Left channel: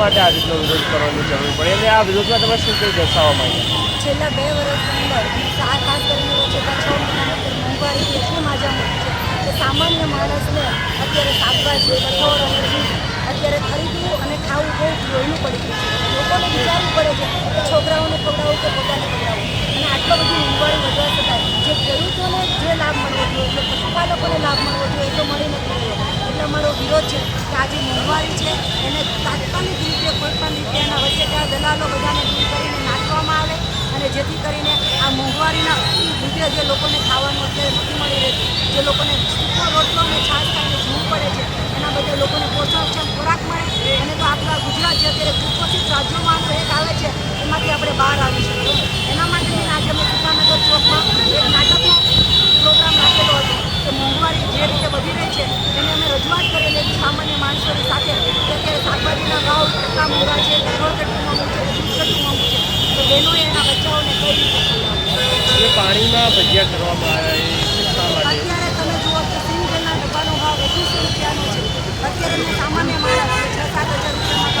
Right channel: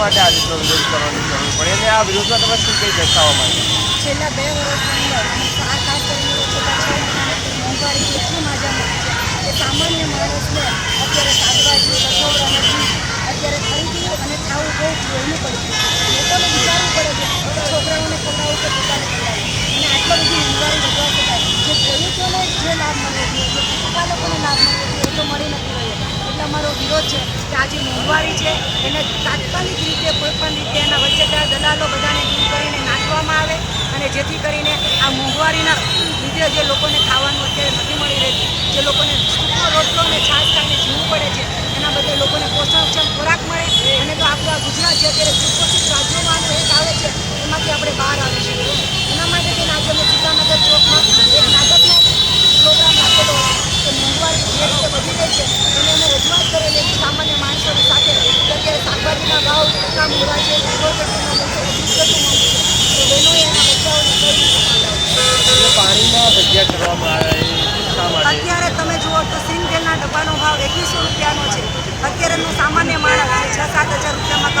માટે આ રીતનો વિરોધ કરવાની જરૂર પડે અને આ વિરોધમાં તમે શું કંઈ દર્શાવવા માંગો? છેલ્લા 2 વર્ષની અંદર ખાસ કરીને છેલ્લા 6 મહિનાની મોંઘવારી એટલી માજામાં છે કે સામાન્ય માણસને અત્યારે શાકભાજી, કઠોળ અને દૂધ અત્યારે ખરીદવું અને ખાવું બહુ જોઈનું પડી ગયું છે. લોકોને વિચારવું પડે છે કે છોકરાઓને ખવડાવવું કે પોતાને ખવડાવવું, અને આટલો બધી મોંઘવારી વધવા છતાં જે ખેડૂતોને જે લાભ મળવો જોઈએ, જે પશુપાલકોને લાભ મળવો જોઈએ એ તો મળી નથી રહ્યો. એટલે અમારો વિરોધ છે કે આ જે મોંઘવારી છે એને તાત્કાલિક રીતે કોઈપણ રીતે એના વચ્ચેના દલાલો બધાને દૂર કરીને નાખવામાં આવે, અને જેથી કરીને આ મોંઘવારીના લીધે જે લોકોને ખાવાનું અત્યારે નથી મળી રહેતું, જે લોકોને સૂકો રોટલો અને છાશ ખાઈને જીવવું પડે છે, એના બદલે લોકોને પોષણક્ષમ ખોરાક મળે. અને તો આપણા ગુજરાત જે અત્યારે કુપોષિત રાજ્યોમાંનું એક આવે છે એમાંથી આપણે બહાર આવી શકીએ. એના માટે થઈને આજે અમે ચિત્રાનગર ચોકમાં એક નાટકનો પ્રોગ્રામ રાખેલો હતો કે મોંઘવારી જે રીતે વધી રહી છે એને અમે રજૂઆત કરેલી હતી સામાન્ય માણસોની સાથે કે અત્યારે શાકભાજીના ભાવ કેટલા મોંઘા છે, પેટ્રોલ કેટલું મોંઘું છે, દૂધ કેટલું મોંઘું છે, તો બહેનોએ એના બચ્ચાઓને કઈ રીતે ખવડાવવું. પાણીમાં ભજીયા કરવામાં આવ્યા એ શા માટે? અત્યારે તમે જુઓ તો સિંગ તેલના ડબ્બાનો ભાવ 2100 રૂપિયાનો છે. અત્યારે સામાન્ય માણસ 6-7 હજાર રૂપિયામાં